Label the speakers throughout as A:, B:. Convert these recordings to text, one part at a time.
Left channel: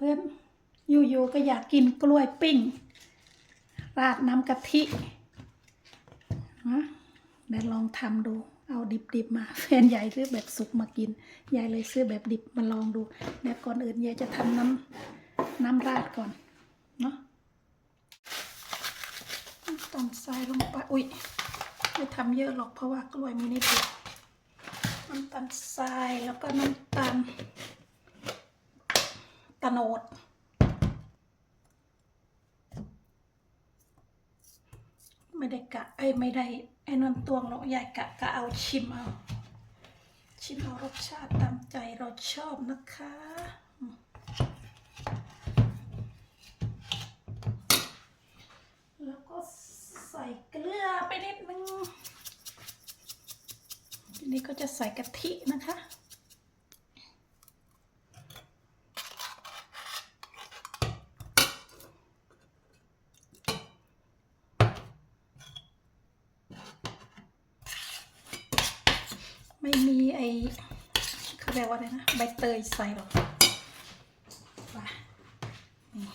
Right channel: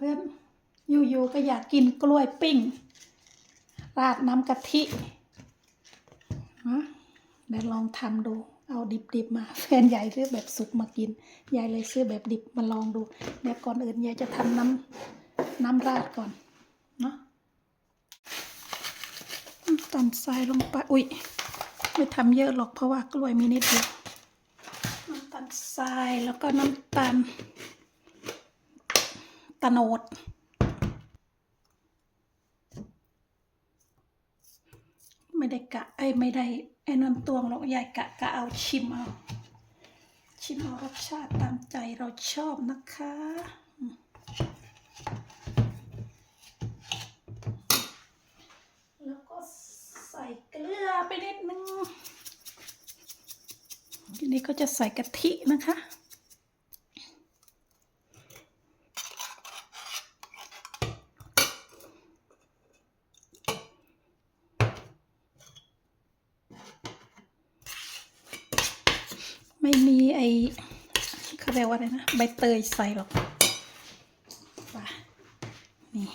A: เพื่อนอยู่ๆก็อยากกินกล้วยปิ้ง ราดน้ำกะทินะเดี๋ยวลองทำดู เอาดิบๆมา แฟนใหญ่ซื้อแบบสุกมากิน ยายเลยซื้อแบบดิบมาลองดู เดี๋ยวก่อนอื่นยายจะทำน้ำน้ำราดก่อน เนาะน้ำตาลทรายลงไป อุ๊ยไม่ทำเยอะหรอกเพราะว่ากล้วยมีนิดเดียวน้ำตาลทรายแล้วก็น้ำตาล โนด ไม่ได้กะไอ้ไม่ได้ไอ้น้ำตวงหรอกยายกะกะเอาชิมเอา ชิมเอารสชาติตามใจเราชอบนะคะแล้วก็ใส่เกลือไปนิดนึงทีนี้ก็จะใส่กะทินะคะ ไม่มีไอเขาเรียกว่าอะไรนะใบเตยใส่หรอกป่ะนี่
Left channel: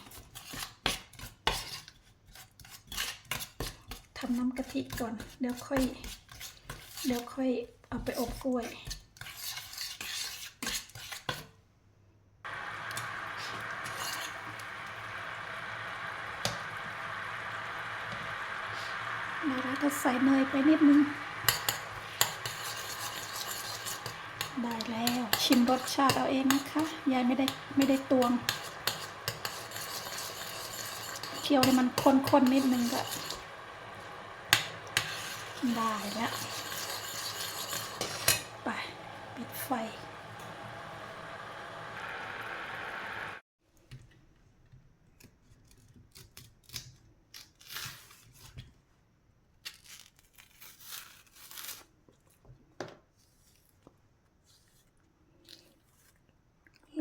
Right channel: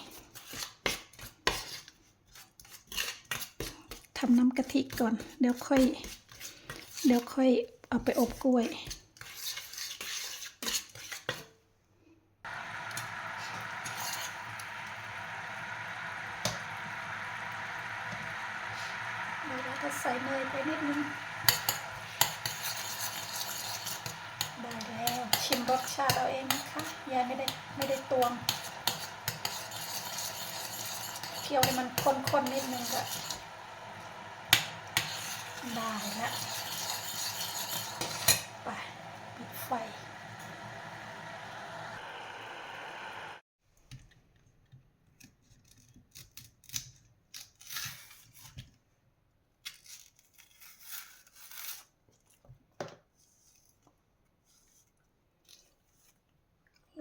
A: ทำน้ำกะทิก่อน เดี๋ยวค่อย เดี๋ยวค่อยเอาไปอบกล้วยเดี๋ยวเราก็ใส่เนยไปนิดนึง ได้แล้วชิมร สชาติเอาเองนะคะ ยายไม่ได้ไม่ได้ตวง เคี่ยวให้มันข้นๆนิดนึงก็ได้แล้ว ไป ปิดไฟ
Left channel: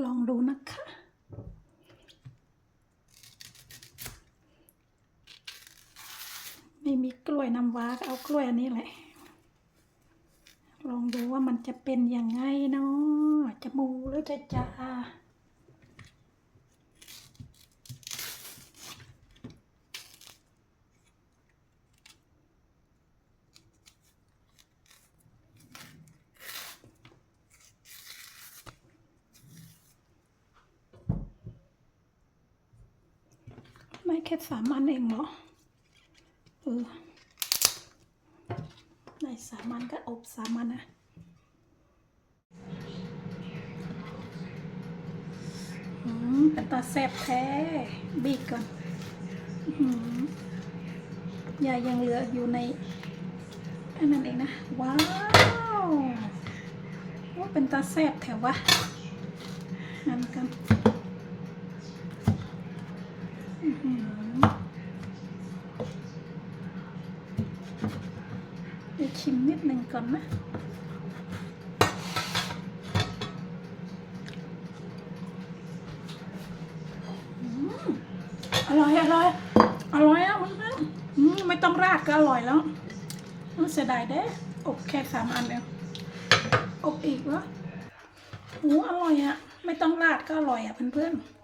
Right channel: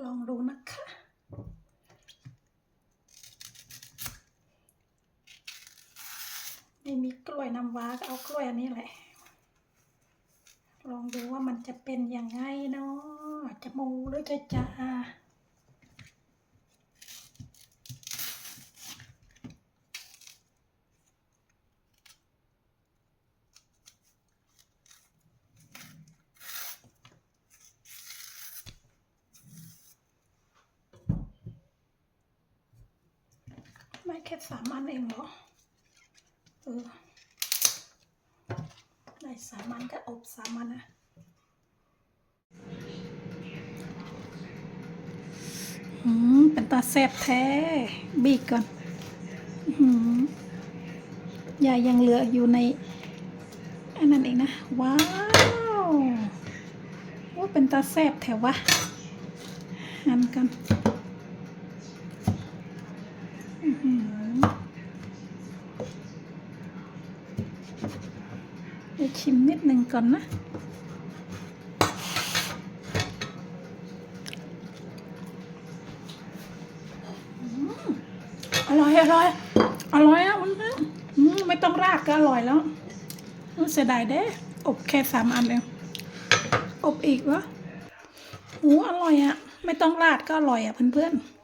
A: ลองดูนะคะ ไม่มีกล้วยน้ำ ว้าก็เอากล้วยอันนี้แหละ ลองดูว่ามันจะเป็นยังไงเนาะจะมูหรือจะจาไม่แค่สามอันเองเหรอเออ สามันก็อบสามันนะอืมเป็นตาแซ่บแท้ บีกก่อนอื้อหือยายยังเหลืออยู่ในอันนั้นเองนะ ว้าวว่าเป็นตาแซ่บแถววะหันกันอื้อ หือเดี๋ยวชิมนิดหนึ่งก่อนนะ อร่อย อร่อย อร่อยอะมันมันอืมไม่ต้องราดก็อร่อยแล้วมันเสียดายเด้อบแค่สามอันเองอบอีกวะหูอร่อยอะ ไม่ต้องราดก็อร่อยอะเพื่อนๆ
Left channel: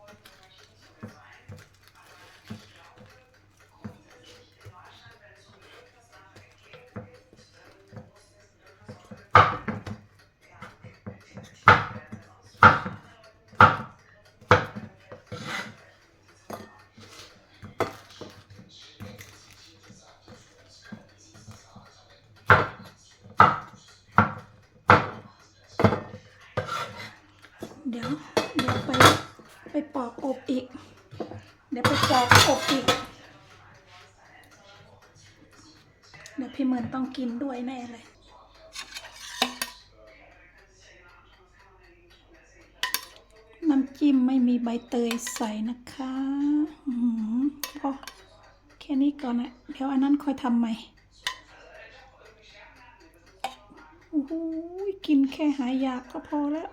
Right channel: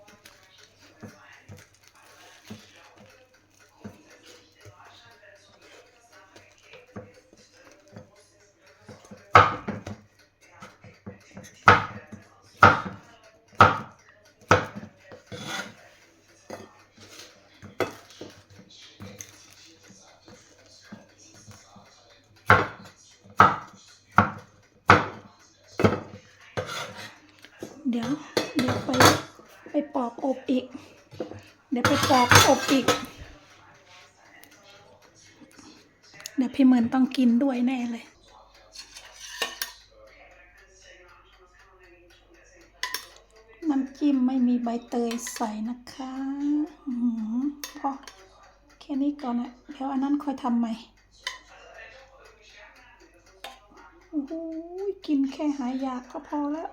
A: อบอีก เดี๋ยวไปปอกอบอีก เดี๋ยวพี่เหมือนต้องกินด้วยแน่เลย น้ำจิ้มไม่มีใบเตยใส่นะคะอือหือพอแค่นี้ก่อนนะเดี๋ยวอันนั้นค่อยทำใหม่โอ้โหกินแค่หายอยากก็พอแล้ว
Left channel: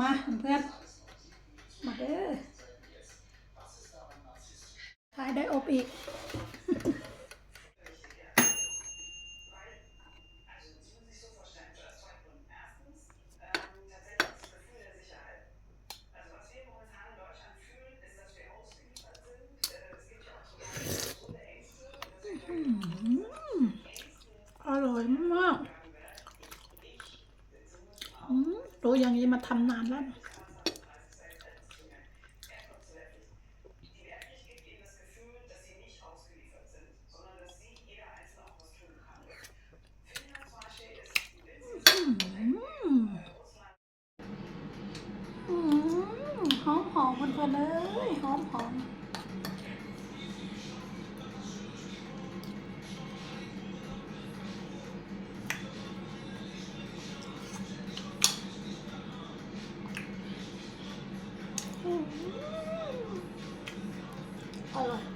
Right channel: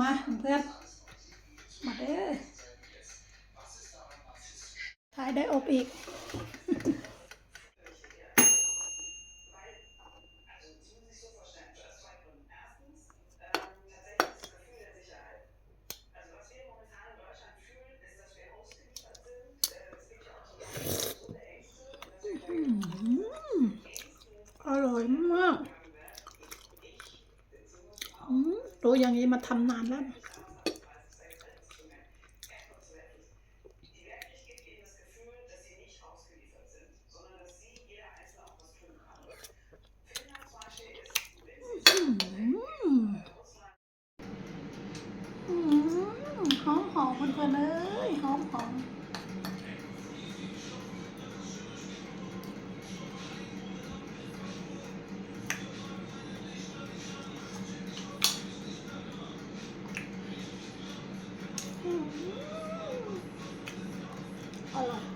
A: มาเพื่อนมาเด้อทายได้อบอีก รู้อย่างนี้มาทำนานแล้ว หอมหอมเพื่อนๆเลยหอมหอม Allah.